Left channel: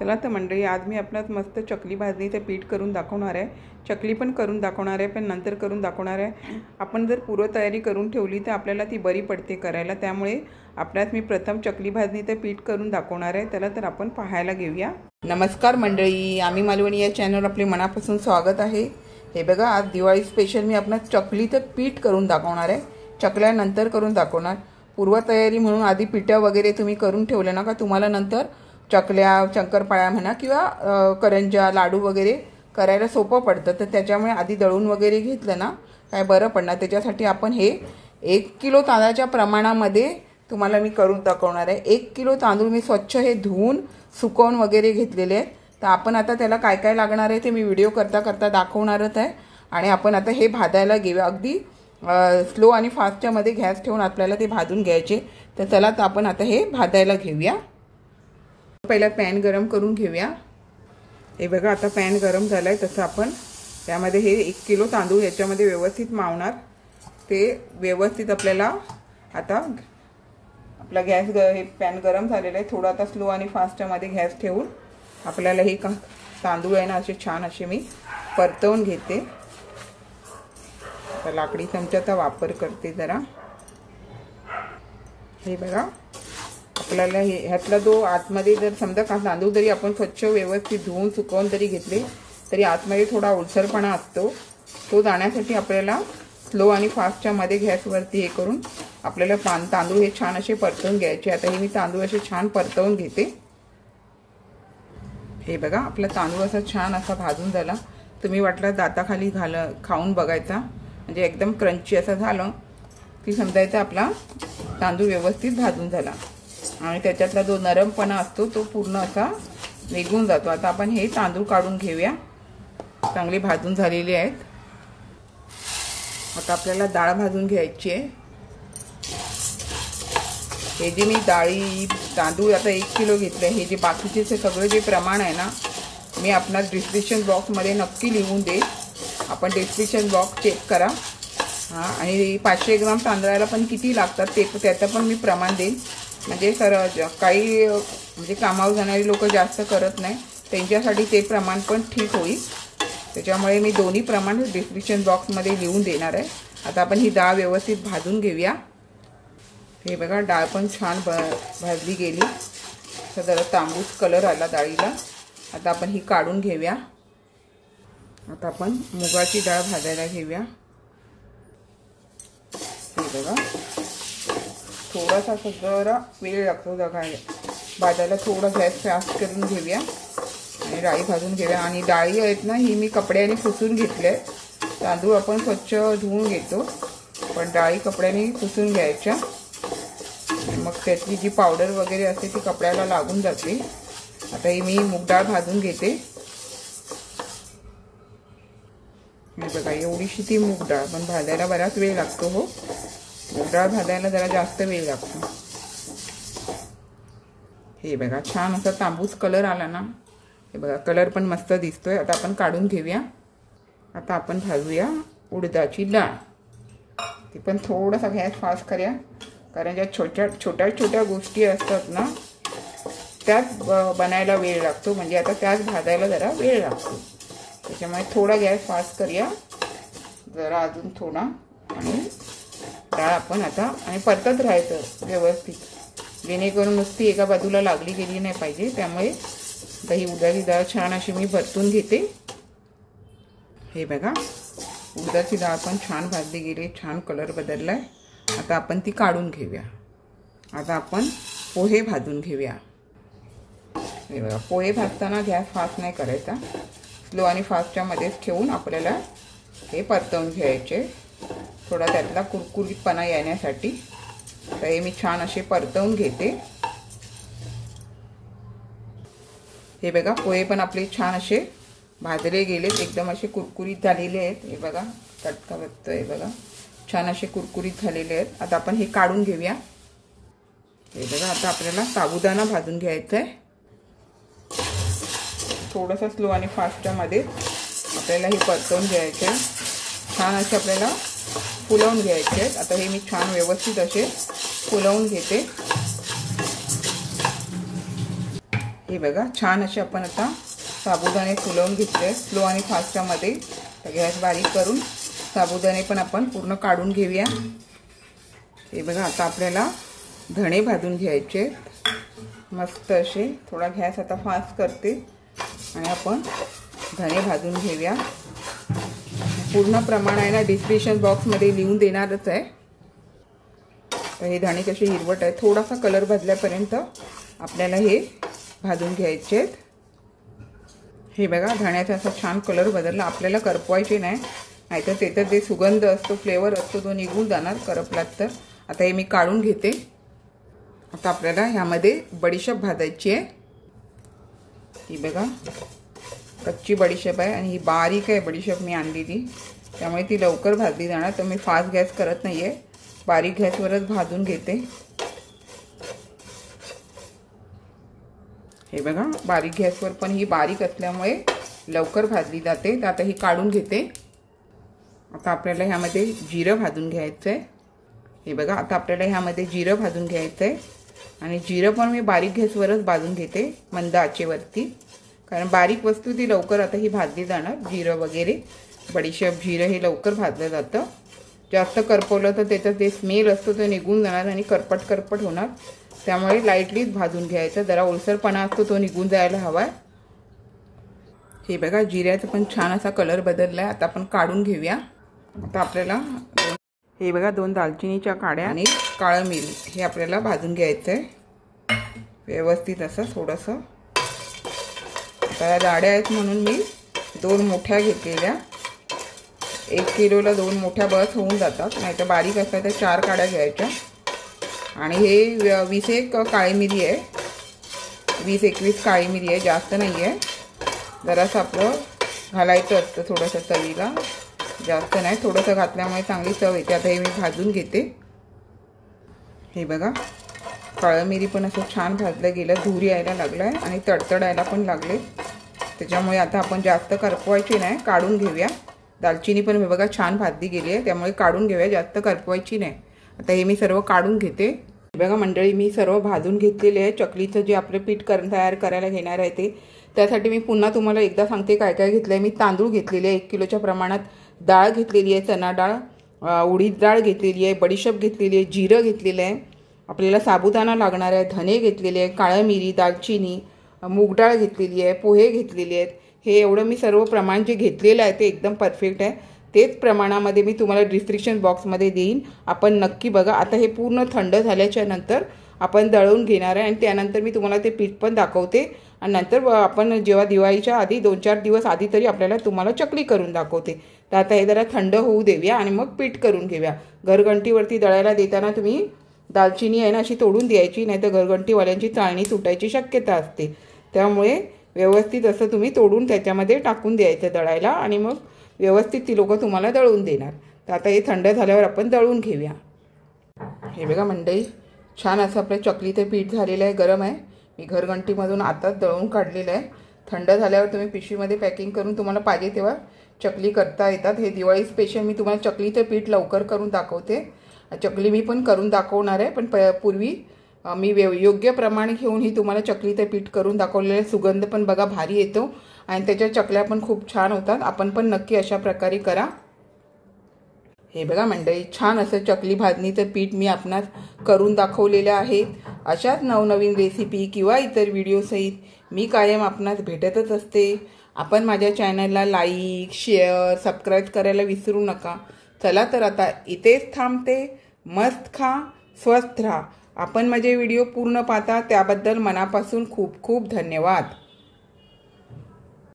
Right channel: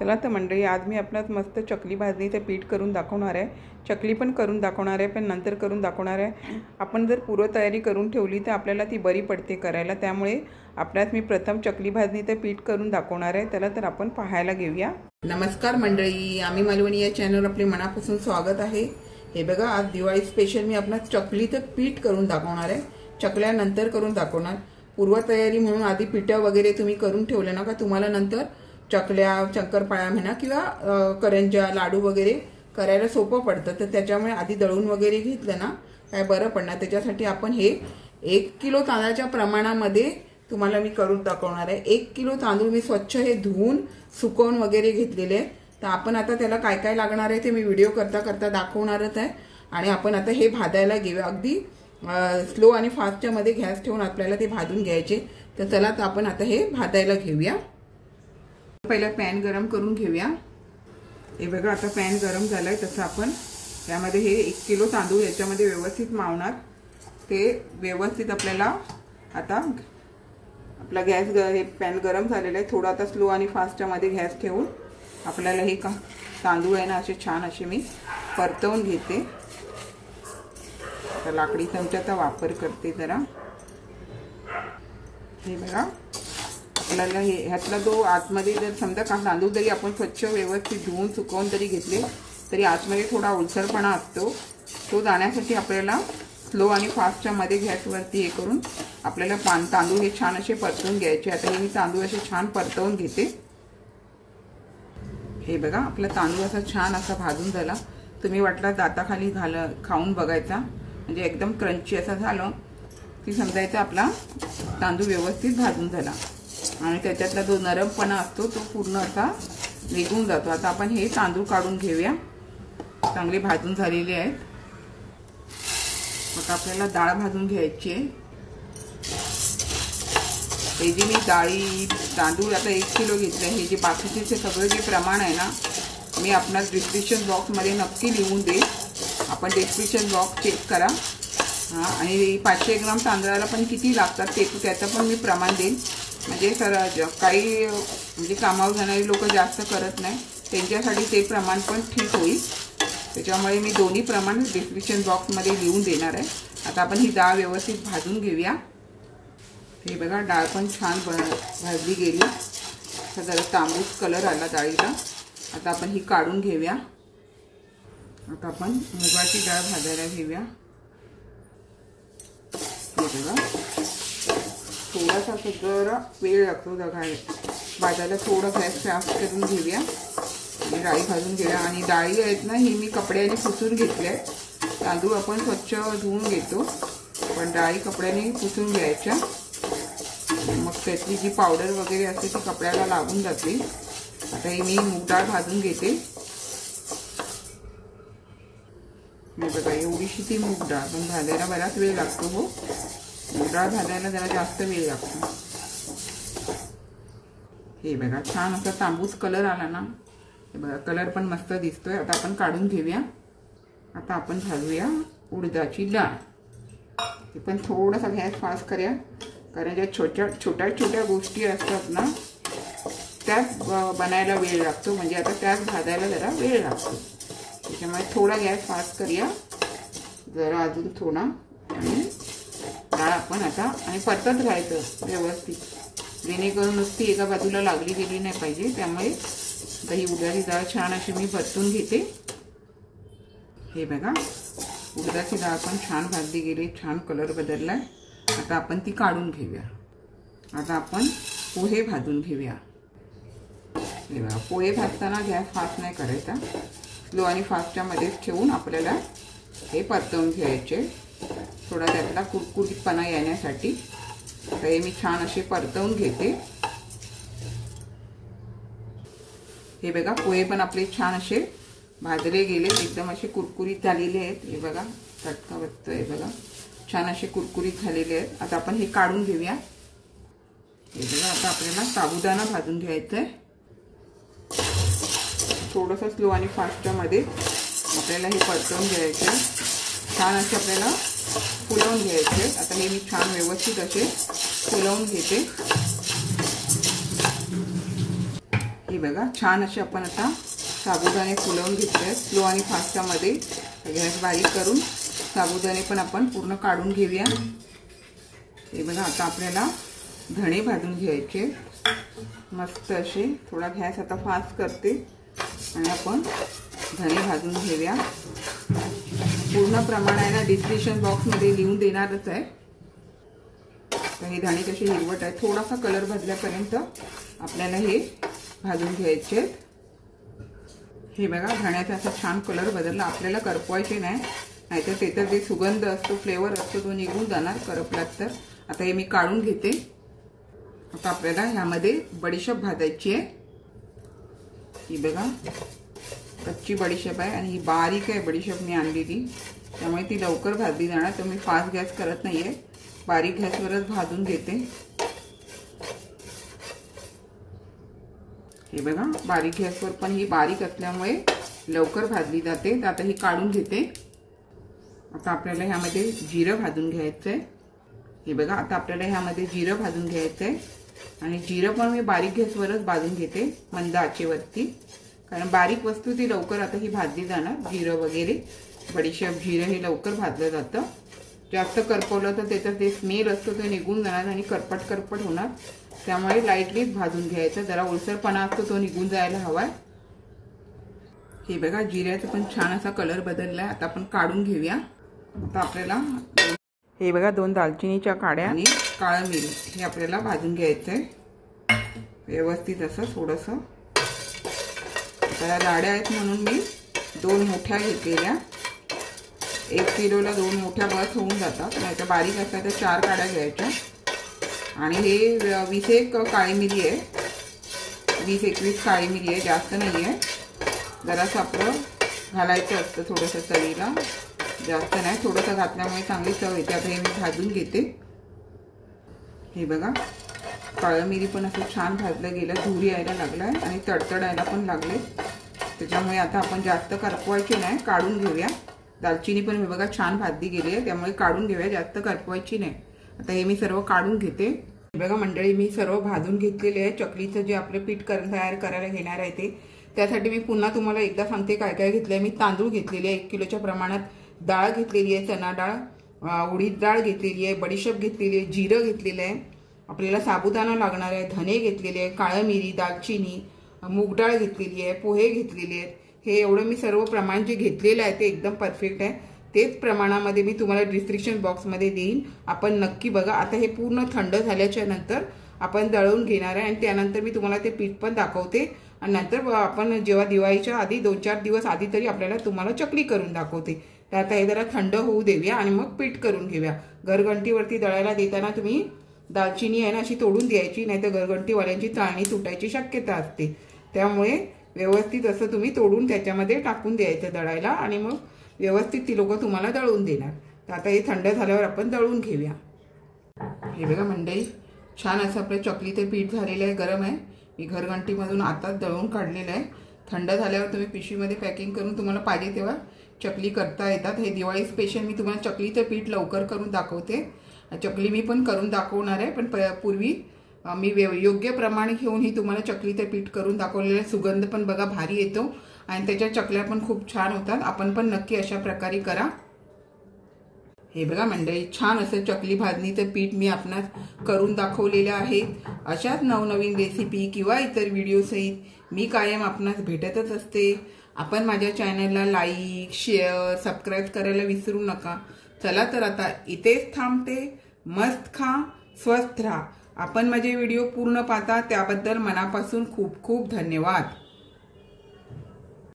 चला तर मंडळी, आज मी आपणास मस्त चकली भाजणीचं पीठ करून दाखवणार आहे। चकली पण करून दाखवणार आहे, पण नंतर करून दाखवणार आहे। आपण जर पूर्वतयारी करून ठेवली तर आपल्याला ती बरी पडते करायला। त्यामुळे आपल्यास मी प्रथम चकली भाजणीचं पीठ करून दाखवणार आहे। चला तर आपण पाहायला घेऊया। नमस्कार मंडळी, आम्ही मालवणी या चॅनल आपले मनापासून स्वागत आहे। हे बघा, आज दिवाळी स्पेशल मी आपणास चकलीचं पीठ करून दाखवणार आहे। चकल्या नंतर करून दाखवणार। पूर्वतयारी म्हणून आधी पिठा वगैरे तुम्ही करून ठेवले ना का तुम्हाला नंतर चकल्या शंकरपाळ्या म्हणा किंवा करंजा लाडू वगैरे करायला सोपं पडतं। तर त्याच्यामुळे आधी दळून वगैरे घेतलं ना काय बरं पडणार। त्याच्यासाठी आपण हे 1 किलो तांदळाच्या प्रमाणामध्ये तुम्हाला मी करून दाखवणार आहे। 1 किलो तांदूळ मी स्वच्छ हे धुवून सुकवून वगैरे घेतलेले आहेत। तर आपण आता त्याला काय काय लागणार आहे ते मी व्हिडिओ करता करता दाखवणारच आहे। आणि आपण आता हे भाजायला घेऊया। अगदी स्लो आणि फास्टच्या मध्ये गॅस ठेवून आपल्याला ते भाजून घ्यायचे। तर चला तर आपण आता हे भाजायला घेऊया। पहिला पॅन गरम करून घेऊया। हे बघा, आता पॅन गरम झालाय। तसं आपण त्यामध्ये हे 1 किलो तांदूळ याच्यामध्ये व्यवस्थित मावणार। ते व्यवस्थित आपल्याला आता आपला गॅस हे पॅन गरम झालेला आहे। थोडा आता स्लो आणि फास्टच्या मध्ये गॅस ठेवून आपल्याला हे तांदूळ आहे ना असे छान असे मी परतवून घेते। आता लाकडी चमच्याचा वापर करते जरा। हे बघा, आपल्याला हे ह्यातला जो आतमध्ये जर समजा तांदूळ जरी आपण स्वच्छ व्यवस्थित धुवून सुकवून जरी घेतले तरी आतमध्ये थोडा ओलसरपणा असतो। तो जाण्यासाठी आपल्याला स्लो आणि फास्टच्या मध्ये गॅसवरती हे करून आपल्याला तांदूळ हे छान असे परतवून घ्यायचे। आता हे मी तांदूळ असे छान परतवून घेते। हे बघा, आपला तांदूळ असा छान असा भाजून झाला। तुम्ही वाटला दाताखाली खाऊन बघायचा, म्हणजे एकदम क्रंची असं झालं की समजायचं आपला तांदूळ व्यवस्थित भाजून झाला आणि त्याच्यातला जो नरमपणा असतो तो पूर्ण असा निघून जातो। आता आपण हे तांदूळ काढून घेऊया। चांगले भाजून झालेले आहेत। आता आपल्याला डाळ भाजून घ्यायची आहे। हे जे मी तांदूळ आता 1 किलो घेतले, हे जे बाकीचे सगळं जे प्रमाण आहे ना मी आपणास डिस्क्रिप्शन बॉक्समध्ये नक्की लिहून देईन। आपण डिस्क्रिप्शन बॉक्स चेक करा। आणि 500 ग्राम तांदळाला पण किती लागतात ते त्याचं पण मी प्रमाण देईन। म्हणजे काही म्हणजे कामावर जाणारी लोक जास्त करत नाही, त्यांच्यासाठी ते प्रमाण पण ठीक होईल। त्याच्यामुळे मी दोन्ही प्रमाण डिस्क्रिप्शन बॉक्समध्ये लिहून देणार आहे। आता आपण ही डाळ व्यवस्थित भाजून घेऊया। हे बघा, डाळ पण छान भाजली गेली। जरा तांबूस कलर आला डाळीला। आता आपण ही काढून घेऊया। आता आपण मुगाची डाळ भाजायला घेऊया। हे बघा, थोडासा जरा वेळ लागतो भाजायला। थोडा गॅस फास्ट करून घेऊया आणि डाळी भाजून घेऊया। आणि डाळी आहेत ना ही मी कपड्याने पुसून घेतल्या। तांदूळ आपण स्वच्छ धुवून घेतो, पण डाळी कपड्याने पुसून घ्यायच्या। मग त्यातली जी पावडर वगैरे असते ती कपड्याला लागून जाते। आता ही मी मूग डाळ भाजून घेते। हे बघा, एवढीशी ती मूग डाळ पण भाजायला बराच वेळ लागतो। हो, मूग डाळ भाजायला जरा जास्त वेळ लागतो। हे बघा, छान असा तांबूस कलर आला ना। हे बघा, कलर पण मस्त दिसतोय। आता आपण काढून घेऊया। आता आपण भाजूया उडदाची डाळ। ती पण थोडासा गॅस फास्ट करूया, कारण ज्या छोट्या छोट्या गोष्टी असतात ना त्याच बनायला वेळ लागतो। म्हणजे आता त्याच भाजायला जरा वेळ लागतो। त्याच्यामुळे थोडा गॅस फास्ट करूया जरा, अजून थोडा। आणि डाळ आपण आता आणि परतत राहायचं व्यवस्थित, जेणेकरून नुसती एका बाजूला लागली गेली नाही पाहिजे। त्यामुळे आता ही उडदाची डाळ छान अशी मी परतून घेते। हे बघा, उडदाची डाळ पण छान भाजली गेली, छान कलर बदललाय। आता आपण ती काढून घेऊया। आता आपण पोहे भाजून घेऊया। हे बघा, पोहे भाजताना गॅस फास्ट नाही करायचा, स्लो आणि फास्टच्या मध्येच ठेवून आपल्याला हे परतवून घ्यायचे, थोडा त्यातला कुरकुरीतपणा येण्यासाठी। तर हे मी छान असे परतवून घेते। हे बघा, पोहे पण आपले छान असे भाजले गेले, एकदम असे कुरकुरीत झालेले आहेत। हे बघा, चटका बसतोय। हे बघा, छान असे कुरकुरीत झालेले आहेत। आता आपण हे काढून घेऊया। हे बघा, आता आपल्याला साबुदाणा भाजून घ्यायचा आहे। थोडासा स्लो आणि फास्टच्या मध्ये आपल्याला हे परतवून घ्यायचे। छान असे आपल्याला फुलवून घ्यायचे। आता हे मी छान व्यवस्थित असे फुलवून घेते। हे बघा छान असे आपण आता साबुदाणे फुलवून घेतले स्लो आणि फास्टमध्ये. गॅस बारीक करून साबुदाणे पण आपण पूर्ण काढून घेऊया. हे बघा आता आपल्याला धणे भाजून घ्यायचे मस्त असे. थोडा गॅस आता फास्ट करते आणि आपण धणे भाजून घेऊया. पूर्ण प्रमाण आहे ना डिस्क्रिप्शन बॉक्समध्ये लिहून देणारच आहे. हे धणे कसे हिरवट आहे थोडासा कलर बदल्यापर्यंत आपल्याला हे भाजून घ्यायचे. हे बघा धण्याचा असा छान कलर बदलला. आपल्याला करपवायचे नाही नाहीतर त्याचा ते सुगंध असतो फ्लेवर असतो तो निघून जाणार करपलात तर. आता हे मी काढून घेते. आता आपल्याला ह्यामध्ये बडीशेप भाजायची आहे. ही बघा कच्ची बडीशेप आहे आणि ही बारीक आहे बडीशेप मी आणलेली त्यामुळे ती लवकर भाजली जाणार. तर मी फास्ट गॅस करत नाहीये बारीक गॅसवरच भाजून घेते. हे बघा बारीक गॅसवर पण ही बारीक असल्यामुळे लवकर भाजली जाते. तर आता ही काढून घेते. आता आपल्याला ह्यामध्ये जिरं भाजून घ्यायचंय. हे बघा आता आपल्याला ह्यामध्ये जिरं भाजून घ्यायचंय आणि जिरं पण मी बारीक गॅसवरच भाजून घेते मंद आचेवरती कारण बारीक वस्तू ती लवकर आता ही भाजली जाणार. जिरं वगैरे बडीशेप जिरं हे लवकर भाजलं जातं. जास्त करपवलं तर त्याचा ते स्मेल असतो तो निघून जाणार आणि करपट होणार. त्यामुळे लाईटलीच भाजून घ्यायचं. जरा ओलसरपणा असतो तो निघून जायला हवा. हे बघा जिऱ्याचा पण छान असा कलर बदललाय. आता आपण काढून घेऊया. आता आपल्याला हे बघा 2 दालचिनीच्या काड्या आणि काळं मिरी हे आपल्याला भाजून घ्यायचंय व्यवस्थित असं थोडंसं. आता लाड्या आहेत म्हणून मी 2 मोठ्या घेतलेल्या. 1 किलोला 2 मोठ्या बस होऊन जातात. नाही तर बारीक असतात तर 4 काड्या घ्यायच्या. आणि हे 20 काळी मिरी आहे. 20-21 काळी मिरी आहे जास्त नाही आहे. जरासं आपलं घालायचं असतं थोडंसं चवीला जास्त नाही. थोडंसं घातल्यामुळे चांगली चव येते. आता हे मी भाजून घेते. हे बघा काळं मिरी पण असं छान भाजलं गेलं. धूर यायला लागलाय आणि तडतडायला पण लागले. त्याच्यामुळे आता आपण जास्त करपवायची नाही काढून घेऊया. दालचिनी पण हे बघा छान भाजली गेली आहे त्यामुळे काढून घेऊया जास्त करपवायची नाही. आता हे मी सर्व काढून घेते. बघा मंडळी मी सर्व भाजून घेतलेले आहे. चकलीचं जे आपलं पीठ तयार करायला घेणार आहे ते त्यासाठी मी पुन्हा तुम्हाला एकदा सांगते काय काय घेतलंय. मी तांदूळ घेतलेले आहे 1 किलोच्या प्रमाणात. डाळ घेतलेली आहे चना डाळ, उडीद डाळ घेतलेली आहे, बडीशेप घेतलेली आहे, जिरं घेतलेलं आहे. आपल्याला साबुदाणा लागणार आहे, धने घेतलेले आहे, काळं मिरी, दालचिनी, मूग डाळ घेतलेली आहे, पोहे घेतलेले आहेत. हे एवढं मी सर्व प्रमाण जे घेतलेलं आहे ते एकदम परफेक्ट आहे. तेच प्रमाणामध्ये मी तुम्हाला डिस्क्रिप्शन बॉक्समध्ये देईन. आपण नक्की बघा. आता हे पूर्ण थंड झाल्याच्या नंतर आपण दळून घेणार आहे आणि त्यानंतर मी तुम्हाला ते पीठ पण दाखवते. आणि नंतर आपण जेव्हा दिवाळीच्या आधी 2-4 दिवस आधी तरी आपल्याला तुम्हाला चकली करून दाखवते. तर आता हे जरा थंड होऊ देऊया आणि मग पीठ करून घेऊया. घरघंटीवरती दळायला देताना तुम्ही दालचिनी आहे ना अशी तोडून द्यायची नाही तर घरघंटीवाल्यांची चाळणी तुटायची शक्यता असते. त्यामुळे व्यवस्थित असं तुम्ही तोडून त्याच्यामध्ये टाकून द्यायचं दळायला आणि मग व्यवस्थित ती लोक तुम्हाला दळून देणार. तर आता हे थंड झाल्यावर आपण दळून घेऊया. हे बघा मंडळी छान असं आपलं चकलीचं पीठ झालेलं आहे. गरम आहे. मी घरघंटीमधून आताच दळून काढलेलं आहे. थंड झाल्यावर तुम्ही पिशवीमध्ये पॅकिंग करून तुम्हाला पाहिजे तेव्हा चकली करता येतात. हे दिवाळी स्पेशल मी तुम्हाला चकलीचं पीठ लवकर करून दाखवते. चकली मी पण करून दाखवणार आहे पण पूर्वी मी योग्य प्रमाण घेऊन ही तुम्हाला चकलीचं पीठ करून दाखवलेलं आहे. सुगंध पण बघा भारी येतो आणि त्याच्या चकल्या पण खूप छान होतात. आपण पण नक्की अशा प्रकारे करा. हे बघा मंडळी छान असं चकली भाजणीचं पीठ मी आपणास करून दाखवलेलं आहे. अशाच नवनवीन रेसिपी किंवा इतर व्हिडिओ सहित मी कायम आपणास भेटतच असते. आपण माझ्या चॅनलला लाईक, शेअर, सबस्क्राईब करायला विसरू नका. चला तर आता इथेच थांबते. मस्त खा, स्वस्थ राहा. आपण माझे व्हिडिओ पूर्ण पाहता त्याबद्दल मनापासून खूप खूप धन्यवाद.